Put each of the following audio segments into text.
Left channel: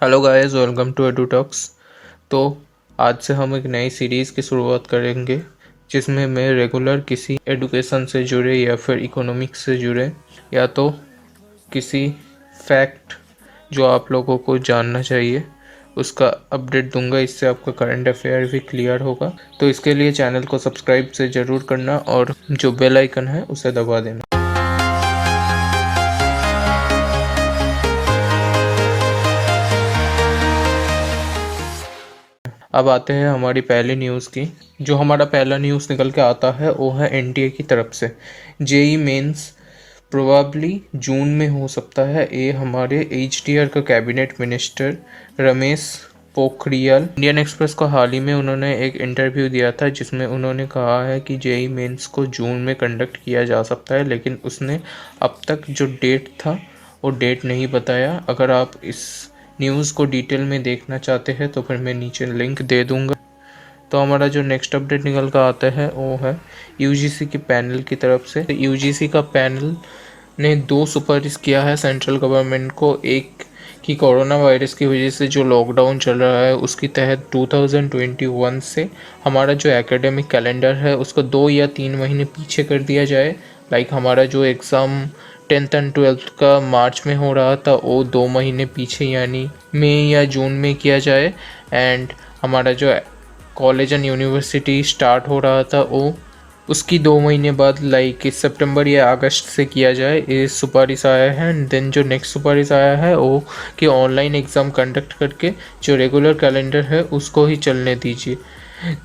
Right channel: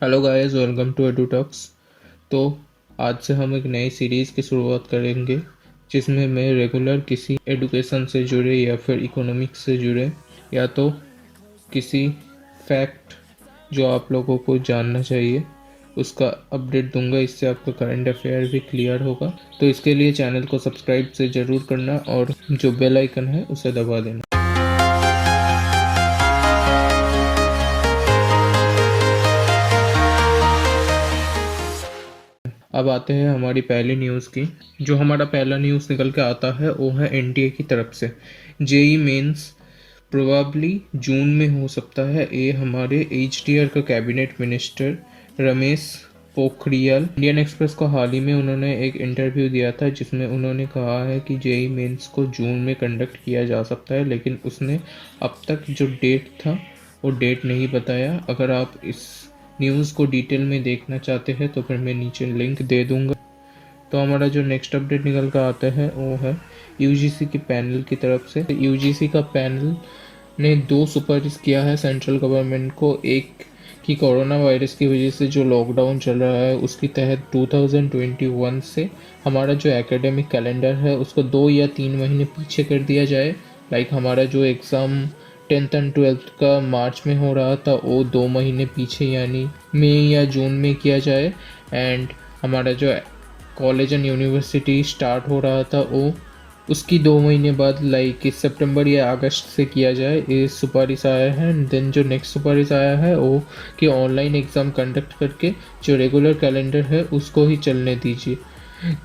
Hello guys, welcome to Edu Talks. तो आज से हम एक नई सीरीज़ की शुरुआत करेंगे जिसमें मैं रेगुलर किसी एडुकेशन से जुड़े या फिर इकोनॉमिक्स से जुड़े या तो किसी फैक्ट जो आप लोगों को जानना चाहिए उसका अपडेट दूंगा। इससे आपका करंट अफेयर भी क्लियर होगा। तो इसके लिए चैनल को सब्सक्राइब से ज़रूर करना और जो बेल आइकन है उसे दबा देना। अब आते हैं हमारी पहली न्यूज़ की। जो हमारा पहला न्यूज़ निकल के आता है वो है एनटीए की तरफ से। जेई मेंस प्रोबेबली जून में हो सकता है। ये हमारे एचडीआर का cabinet minister Ramesh Pokhriyal Indian express को हाल ही में उन्होंने एक इंटरव्यू दिया था जिसमें उन्होंने कहा है कि जेई मेंस को जून में कंडक्ट किया जा सकता है, लेकिन उसने अब तक जो डेट था वो डेट नहीं बताया। अगर आप इस न्यूज़ को डिटेल में देखना चाहते हैं तो फिर मैं नीचे लिंक दे दूंगा। तो हमारा जो नेक्स्ट अपडेट निकल कर आता है वो है यूजीसी की पैनल की तरफ से। यूजीसी का पैनल ने 2 सुपारिश किया है सेंट्रल गवर्नमेंट को। एक कि कोरोना वायरस की वजह से जो लॉकडाउन चल रहा है उसके तहत 2021 से हमारा जो एकेडमिक कैलेंडर है उसको 2 या 3 महीने पीछे कर दिया जाए। लाइक हमारा जो एग्ज़ाम 10th एंड 12th का मार्च में हो रहा था वो 2 महीने पीछे यानी मई या जून में किया जाए। एंड हमारा जो कॉलेज एंड यूनिवर्सिटी स्टार्ट हो रहा था वो उसकी 2 महीने बाद लाइक इस सितंबर या अगस्त से किया जाए। ये सुपारिश आया है। एंड देन जो नेक्स्ट सुपारिश आया है वो कि ऑनलाइन एग्ज़ाम कंडक्ट करके जो रेगुलर कैलेंडर है उसको ही चलने दीजिए।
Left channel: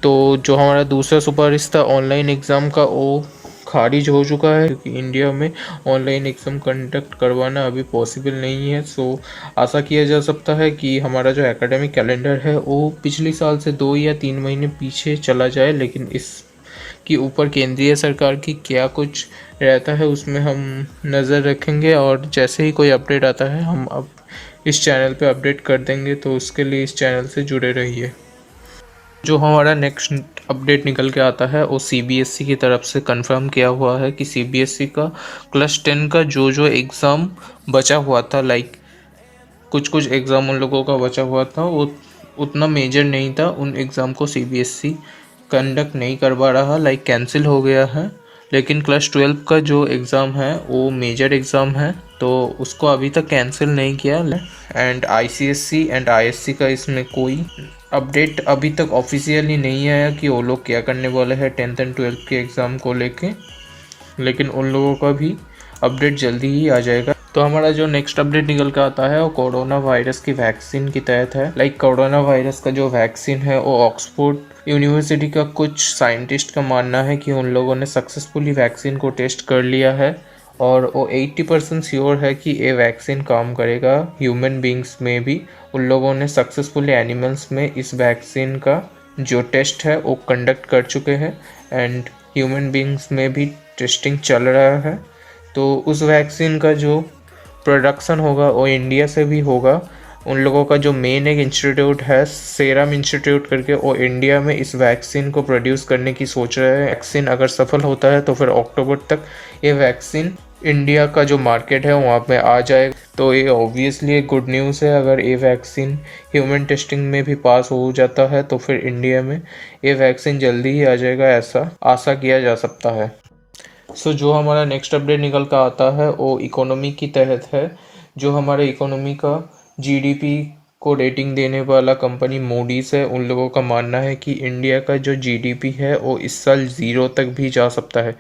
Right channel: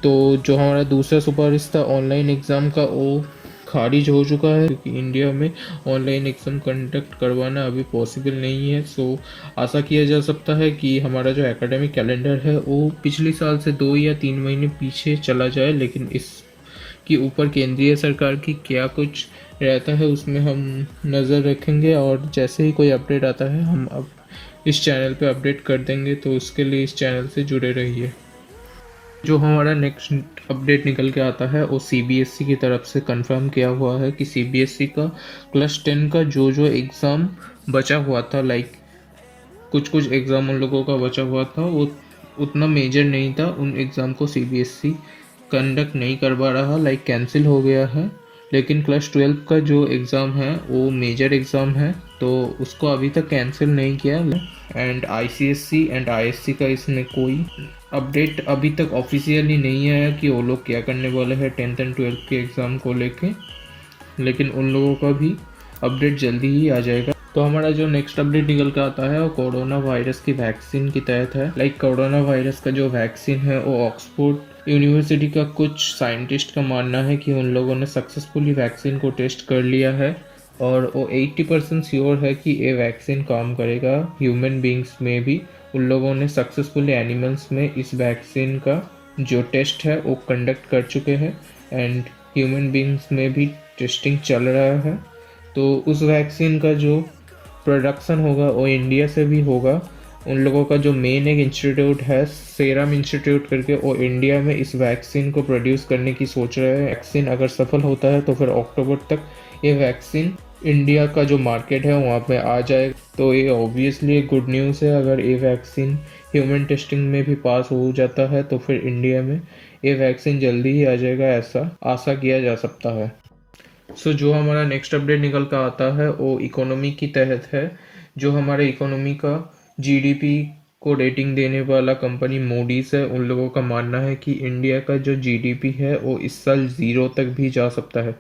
तो जो हमारा दूसरा सुपारिश था ऑनलाइन एग्ज़ाम का वो खारिज हो चुका है क्योंकि इंडिया में ऑनलाइन एग्ज़ाम कंडक्ट करवाना अभी पॉसिबल नहीं है। सो आशा किया जा सकता है कि हमारा जो एकेडमिक कैलेंडर है वो पिछले साल से 2 या 3 महीने पीछे चला जाए, लेकिन इस कि ऊपर केंद्रीय सरकार की क्या कुछ रहता है उसमें हम नज़र रखेंगे और जैसे ही कोई अपडेट आता है हम अब इस चैनल पे अपडेट कर देंगे। तो उसके लिए इस चैनल से जुड़े रहिए। जो हमारा नेक्स्ट अपडेट निकल के आता है वो सीबीएसई की तरफ से कंफर्म किया हुआ है कि सीबीएसई का क्लास 10 का जो एग्ज़ाम बचा हुआ था, लाइक कुछ एग्ज़ाम उन लोगों का बचा हुआ था वो उतना मेजर नहीं था, उन एग्ज़ाम को सीबीएसई कंडक्ट नहीं करवा रहा, लाइक कैंसिल हो गया है। लेकिन क्लास 12 का जो एग्ज़ाम है वो मेजर एग्ज़ाम है तो उसको अभी तक कैंसिल नहीं किया। एंड आईसीएसई एंड आईएससी का इसमें कोई अपडेट अभी तक ऑफिशियली नहीं आया कि वो लोग क्या करने वाले हैं 10th एंड 12th के एग्ज़ाम को लेके, लेकिन उन लोगों का भी अपडेट जल्दी ही आ जाएगा। तो हमारा जो नेक्स्ट अपडेट निकल कर आता है वो कोरोना वायरस की वैक्सीन की तहत है। लाइक कोरोना वायरस का जो वैक्सीन है वो ऑक्सफोर्ड यूनिवर्सिटी का कुछ साइंटिस्ट का मानना है कि उन लोगों ने सक्सेसफुली वैक्सीन को टेस्ट कर लिया है और वो 80% श्योर है कि ये वैक्सीन काम करेगा ह्यूमन बींग्स में भी। उन लोगों ने सक्सेसफुली एनिमल्स में इस वैक्सीन का जो टेस्ट है वो कंडक्ट कर चुके हैं एंड ह्यूमन बींग्स में भी टेस्टिंग चल रहा है। तो उस वैक्सीन का जो प्रोडक्शन होगा वो इंडिया से भी होगा। उन लोगों का जो मेन एक इंस्टीट्यूट है सेरम इंस्टीट्यूट करके वो इंडिया में इस वैक्सीन को प्रोड्यूस करने की सोच रहे हैं। वैक्सीन अगर सफल होता है तो फिर अक्टूबर तक ये वैक्सीन इंडिया का जो मार्केट है वहाँ पे आ जाएगा। तो ये ऑब्वियसली एक गुड न्यूज़ है। अगर ये वैक्सीन ह्यूमन टेस्टिंग में भी पास हो जाता है तो फिर इंडिया में ये वैक्सीन जल्दी ही आ जाएगा, ऐसा आशा किया जा सकता है। सो जो हमारा नेक्स्ट अपडेट निकल कर आता है वो इकोनॉमी की तहत है। जो हमारे इकोनॉमी का जीडीपी को रेटिंग देने वाला कंपनी मूडीज़ है, उन लोगों का मानना है कि इंडिया का जो जीडीपी है वो इस साल 0 तक भी जा सकता है।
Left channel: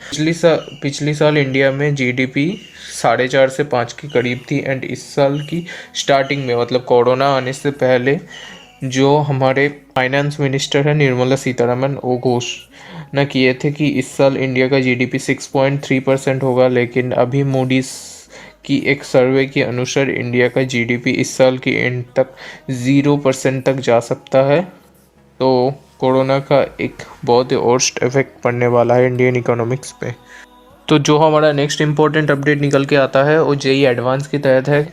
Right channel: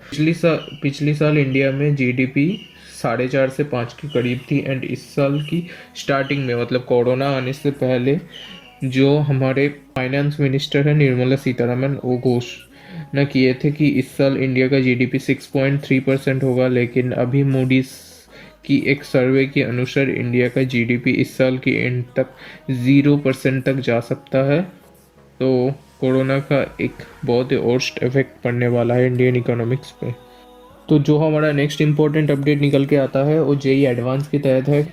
पिछली साल इंडिया में जीडीपी 4.5 से 5 के करीब थी एंड इस साल की स्टार्टिंग में मतलब कोरोना आने से पहले जो हमारे फाइनेंस मिनिस्टर है निर्मला सीतारमन वो घोषणा किए थे कि इस साल इंडिया का जीडीपी 6.3% होगा, लेकिन अभी मूडीज़ की एक सर्वे के अनुसार इंडिया का जीडीपी इस साल की एंड तक 0% तक जा सकता है। तो कोरोना का एक बहुत ही वर्स्ट इफेक्ट पड़ने वाला है इंडियन इकोनॉमिक्स पे। तो जो हमारा नेक्स्ट इम्पोर्टेंट अपडेट निकल के आता है वो जेई एडवांस की तहत है।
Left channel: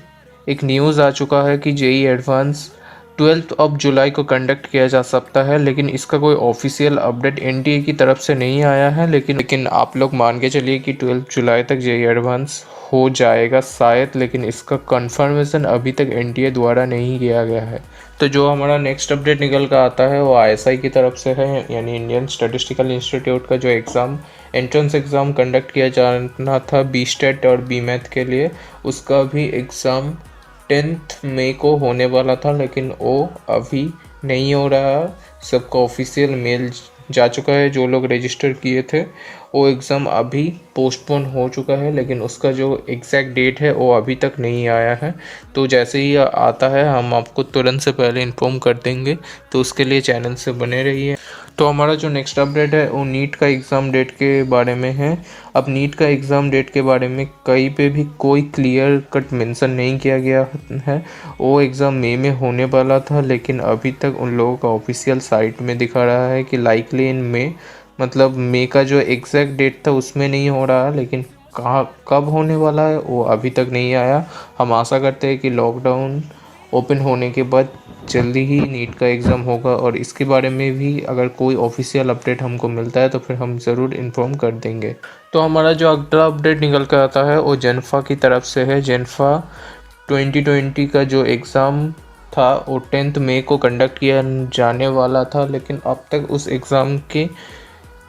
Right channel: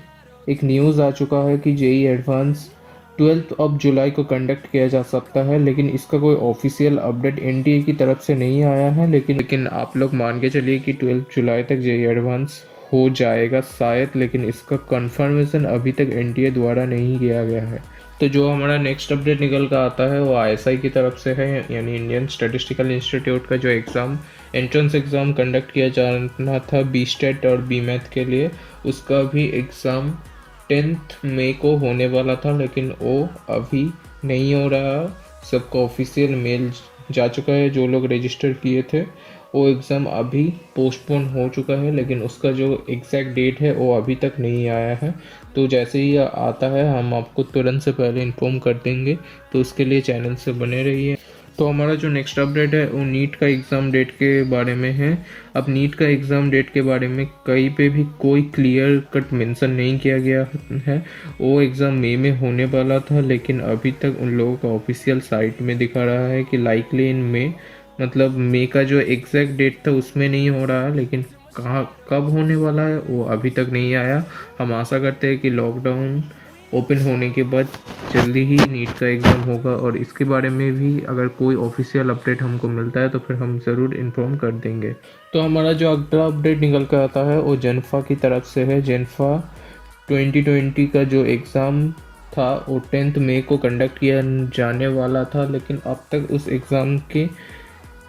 एक न्यूज़ आ चुका है कि जेई एडवांस 12 जुलाई को कंडक्ट किया जा सकता है, लेकिन इसका कोई ऑफिशियल अपडेट एनटीए की तरफ से नहीं आया है। लेकिन आप लोग मान के चलिए कि 12 जुलाई तक जेई एडवांस हो जाएगा शायद, लेकिन इसका कंफर्मेशन अभी तक एनटीए द्वारा नहीं किया गया है। तो जो हमारा नेक्स्ट अपडेट निकल कर आता है वो आईएसआई की तरफ से है, यानी इंडियन स्टैटिस्टिकल इंस्टीट्यूट का जो एंट्रेंस एग्ज़ाम कंडक्ट किया जाना था बीस्टेट और बीमैथ के लिए, उसका भी एग्ज़ाम 10 मई को होने वाला था, लेकिन वो अभी नहीं हो रहा। सबका ऑफिशियल मेल जा चुका है, जो लोग रजिस्टर किए थे वो एग्ज़ाम अभी पोस्टपोन हो चुका है, लेकिन उसका जो एग्जैक्ट डेट है वो अभी तक नहीं आया है। तो जैसे ही आता है हम आपको तुरंत से पहले इन्फॉर्म कर देंगे, तो उसके लिए चैनल से बने रहिए। तो हमारा जो नेक्स्ट अपडेट है वो नीट का एग्ज़ाम डेट के बारे में है। अब नीट का एग्ज़ाम डेट के बारे में कहीं पे भी कोई क्लियर कट मेंशन नहीं किया गया है। वो एग्ज़ाम मई में होने वाला था, लेकिन अभी तक उन लोगों का ऑफिशियल साइट में दिखा रहा है कि लाइकली इन मई, मतलब मई का जो एग्जैक्ट डेट था उसमें नहीं हो रहा, लेकिन कहाँ कब होने वाला है वो अभी तक नहीं आया। हम आशा करते हैं कि लॉकडाउन ओपन होने के बाद जल्दी ही नीट का एग्ज़ाम होगा, और इसके बारे में भी अगर कोई ऑफिशियल अपडेट हमको मिलता है तो फिर हम ज़रूर इन्फॉर्म कर देंगे। तो हमारा जो अगला अपडेट निकल कर आता है वो जेनफा की तरफ से है। जेनफा 2020 का जो एग्ज़ाम था वो 10 मई को कंडक्ट किया जाने वाला था, लेकिन अब तक उस एग्ज़ाम के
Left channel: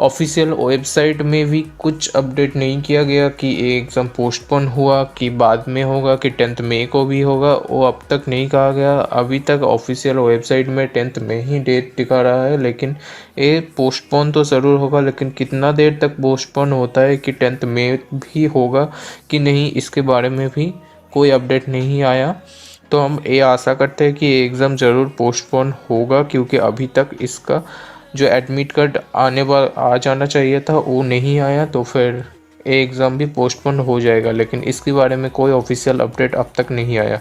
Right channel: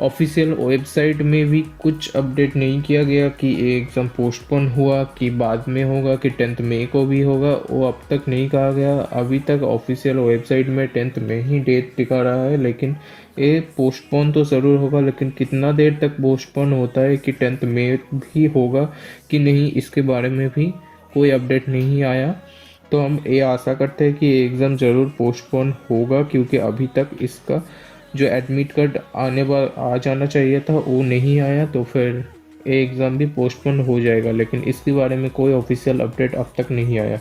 ऑफिशियल वेबसाइट में भी कुछ अपडेट नहीं किया गया कि ये एग्ज़ाम पोस्टपोन हुआ कि बाद में होगा कि 10 मई को भी होगा, वो अब तक नहीं कहा गया। अभी तक ऑफिशियल वेबसाइट में 10 मई ही डेट दिखा रहा है, लेकिन ये पोस्टपोन तो ज़रूर होगा, लेकिन कितना देर तक पोस्टपोन होता है कि 10 मई भी होगा कि नहीं, इसके बारे में भी कोई अपडेट नहीं आया। तो हम ये आशा करते हैं कि ये एग्ज़ाम ज़रूर पोस्टपोन होगा, क्योंकि अभी तक इसका जो एडमिट कार्ड आ जाना चाहिए था वो नहीं आया, तो फिर ये एग्ज़ाम भी पोस्टपोन हो जाएगा, लेकिन इसके बारे में कोई ऑफिशियल अपडेट अब तक नहीं आया।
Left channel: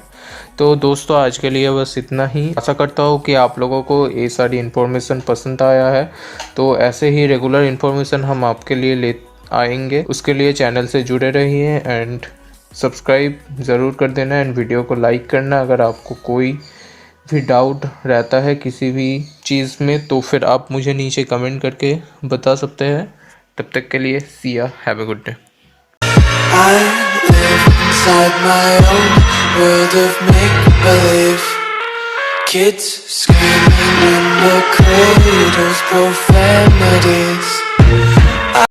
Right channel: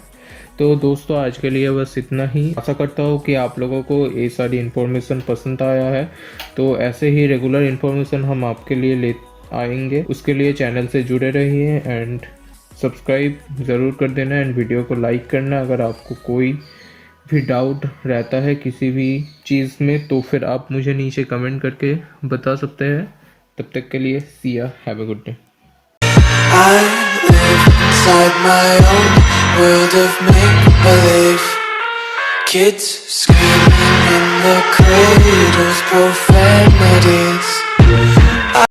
तो दोस्तों आज के लिए बस इतना ही। आशा करता हूँ कि आप लोगों को ये सारी इन्फॉर्मेशन पसंद आया है। तो ऐसे ही रेगुलर इन्फॉर्मेशन हम आपके लिए ले आएंगे, उसके लिए चैनल से जुड़े रहिए एंड सब्सक्राइब ज़रूर कर देना एंड वीडियो को लाइक करना। अगर आपको कोई भी डाउट रहता है किसी भी चीज़ में तो फिर आप मुझे नीचे कमेंट करके बता सकते हैं। तब तक के लिए सी या, have a good day. I live inside my own world of make-believe. Kids screaming in the cradles, profanities.